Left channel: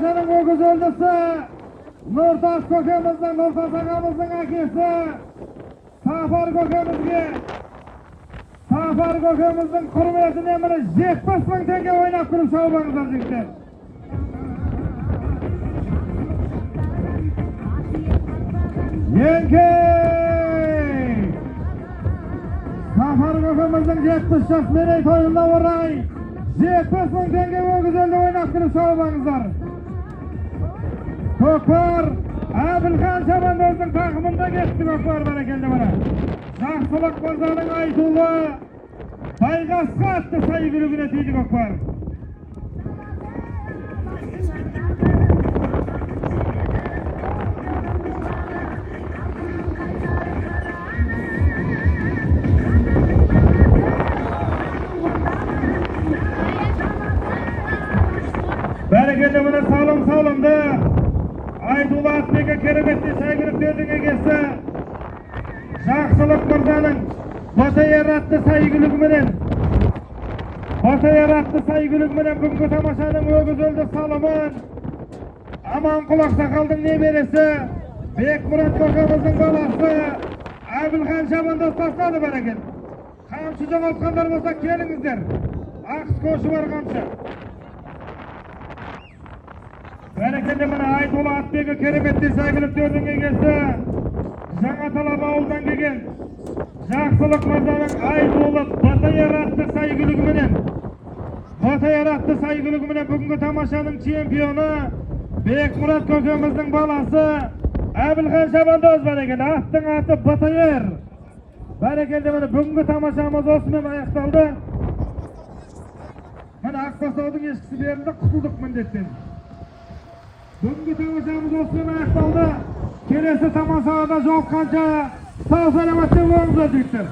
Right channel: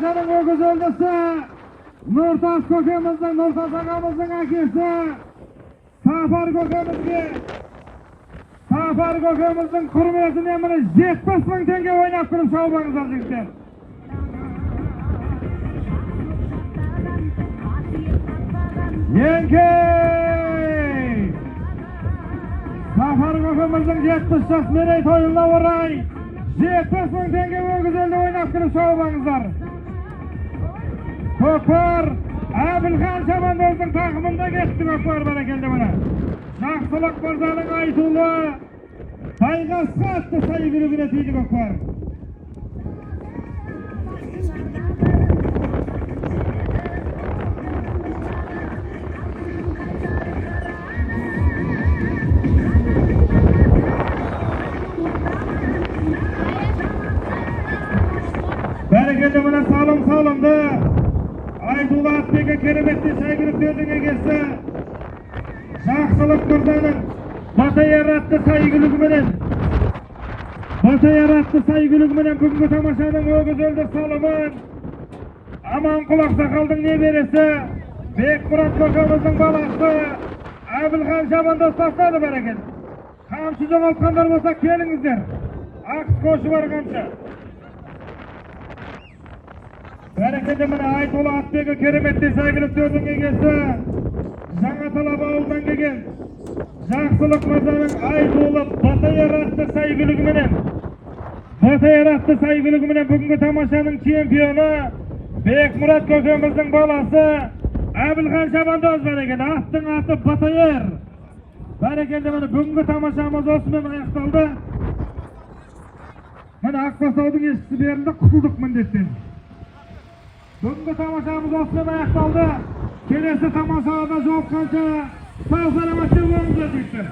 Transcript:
Tamaşanın o güzeldisi Nurtaş kökemizden, Nurtaş ağamızın akisi Safar kökemizin kurmiyetini emini 70.000 tenge oynattırıp şovlarınızdan çıktı. Yenkey! Safar kökemizin 70 yaş merey toyunla varay 70.000 tenge o güzelliği oynattırıp şovlarınızdan. Kökbar Abilhan Şamandoz'un takımında geçti Kökbar berekildi bana. Жақсылық Мырзаның айтулы Байғасқа атты сайы күлігіне тейді Көкбар. Бәрекелді мына салым-салымды айтулы атбегі кереметті шайгіріктердің егесі Жақсылық Мырзаның Батайар атты сайгülügüменен бүгінгі тамашаның о güzelді салымын Аманқұл Ақсақалдың немересі Бекмұрат Көкеміздің баласы Әбілхан Шамандоз тастады бәрекелді. Қамшы жоғалтқандар болса келіңіздер. Ақыс қошы бар қамшы. Бәрекелді міне айтулы атбегі кереметті сайгülükтердің егесі Жаңа Талап ауылдан келген Жақсылық Мырзаның айтулы Батайар атты сайгülügüменен бүгінгі тамашаның чемпионы Бекмұрат көкеміздің баласы Әбілхан Шамандоз бәрекелді. Аттың аты Батайар. Бәрекелді міне бүгінгі тамашамыз осымен аяқталды. Міне Ақсақалдың ешкісі берілді, құтылдық міндеттен. Бүгінгі тамашамыз осымен аяқталды. Келесі тамашада жолыққанша сау саламатта болыңыздар жігіттер.